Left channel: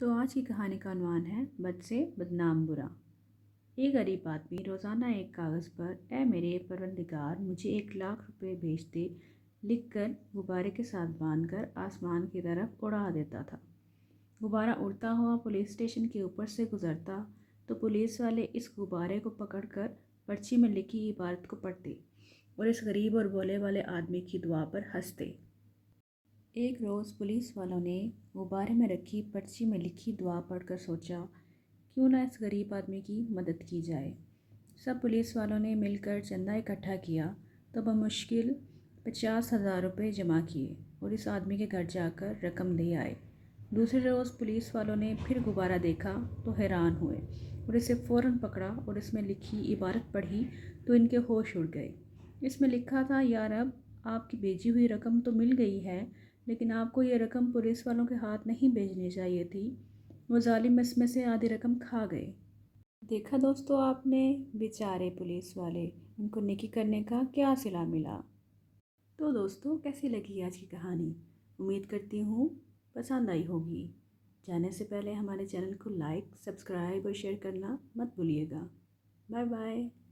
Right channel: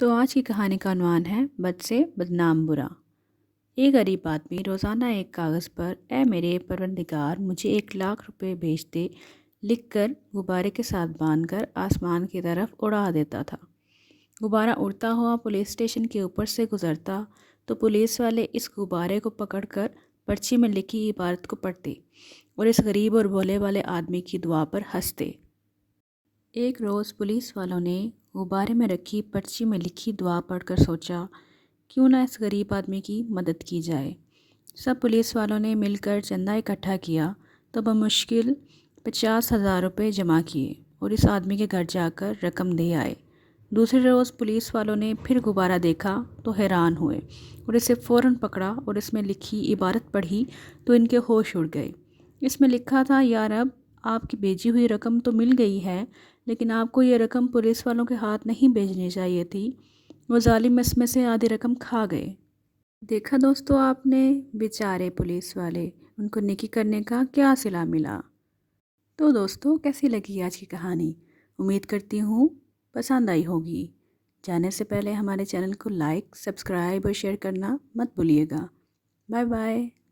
تو آج کی کہانی کا عنوان ہے بد سے بدنام برا۔ ایک غریب آدمی روزانہ ایک کاغذ پر اے میرے پروردگار مجھے 1,00,000 روپے بھیج دے لکھ کر غبارے کے ساتھ باندھ کر آسمان کی طرف اڑا دیتا تھا۔ غبارہ اڑتا ہوا پولیس اسٹیشن کے اوپر سے گزرتا تو پولیس والے اس غبارے کو پکڑ کر پرچی میں لکھی عبارت کو پڑھتے اور اس غریب اور بھولے والے آدمی کی دعا پر ہنستے۔ ایک روز پولیس والوں نے غبارے میں رکھی پرچی میں لکھی دعا پڑھ کر سوچا کیوں نہ اس غریب آدمی کی مدد کی جائے۔ سب پولیس والوں نے مل کر چندہ اکٹھا کیا تو بمشکل 50,000 روپے جمع کیے اور اس آدمی کے گھر جا کر رقم دے آئے۔ دوسرے روز پولیس والوں نے پھر غبارہ دیکھا تو حیران ہوئے اور اسے فوراً پکڑا اور اس میں لکھی عبارت پڑھی تو ان کے ہوش اڑ گئے۔ اس میں لکھا تھا یا رب آپ کی بھیجی ہوئی رقم تو مل گئی ہے لیکن آپ کو یہ رقم پولیس والوں کے ہاتھ نہیں بھیجنی چاہیے تھی، وہ ظالم اس میں سے آدھی رقم کھا گئے۔ دیکھا دوستو آپ نے بیچارے پولیس والے، ان کو نیکی کرنے کا کیا صلہ ملا۔ تو دوستو کیسی لگی آج کی کہانی؟ امید کرتی ہوں پسند آئی ہوگی۔ جانے سے پہلے ہمارے چینل کو لائک، سبسکرائب اور شیئر کرنا مت بھولیے گا۔ Bye bye.